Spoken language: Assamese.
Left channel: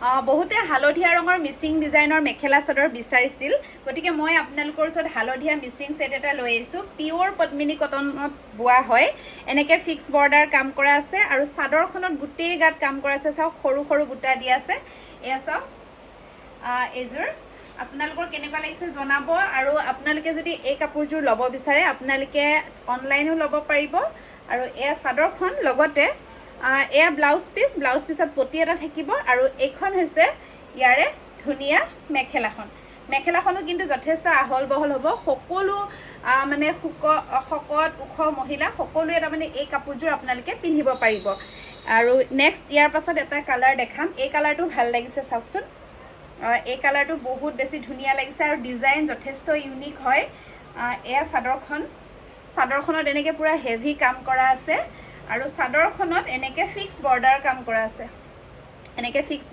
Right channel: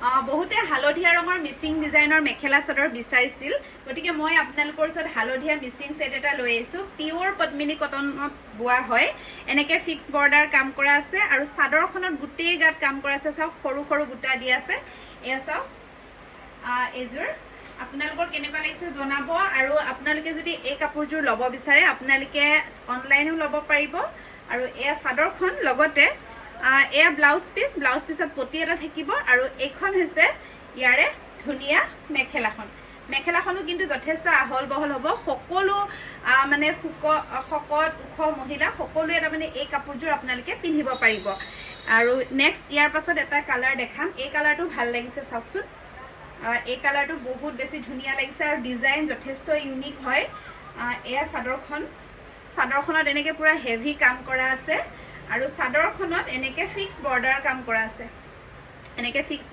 বহুতে হালধীয়া ৰঙৰ মিচিং ডিজাইনৰ মেখেলা চাদৰ বিচাৰিছিল গতিকে মই আপোনালোকৰ ওচৰত হালধীয়া মিচিং সেট এটা লৈ আহিছোঁ পিওৰ পদ্মিনী কটনত বোৱা হয় এনেকে ফিক্স বৰ্ডাৰ কাম কৰা আছে আৰু চাদৰখনত গোটেই গাত কাম কৰা আছে চাওক সৰু সৰু বুটা দিয়া আছে এয়া চাওক এজোৰ আপোনালোকৰ কেনেকুৱা লাগিছে জনাব আৰু আপোনালোকে যদি এই কাপোৰযোৰ ল'ব বিচাৰে আপোনালোকে অনলাইনো ল'ব পাৰিব আৰু এয়া চাদৰখন লগতে এয়া ব্লাউজ পিছত পটি এটা থাকিব আৰু এইখন হৈছে ইয়াৰে ধুনীয়া মেখেলাখনো কিন্তু যথেষ্ট আহল বহল হ'ব সকলো মানে শকত ওখ মহিলা সকলোৱে তাৰমানে এই কাপোৰযোৰ আপোনালোকে পিন্ধিব পাৰিব আৰু নেক্সট ইয়াৰ পাছত এটা কালাৰ দেখাম এই কালাৰটো ভাল লাগিছে চাওকচোন এই কালাৰটো বহুত বেছি ধুনীয়া লাগিছে আৰু ডিজাইন যথেষ্ট ইউনিক হয় এয়া চাদৰখনত এনেকে পুৰা হেভি কাম কৰা আছে আৰু চাদৰখনত এনেকে ফিক্স বৰ্ডাৰ কাম কৰা আছে এনেকে ফিক্স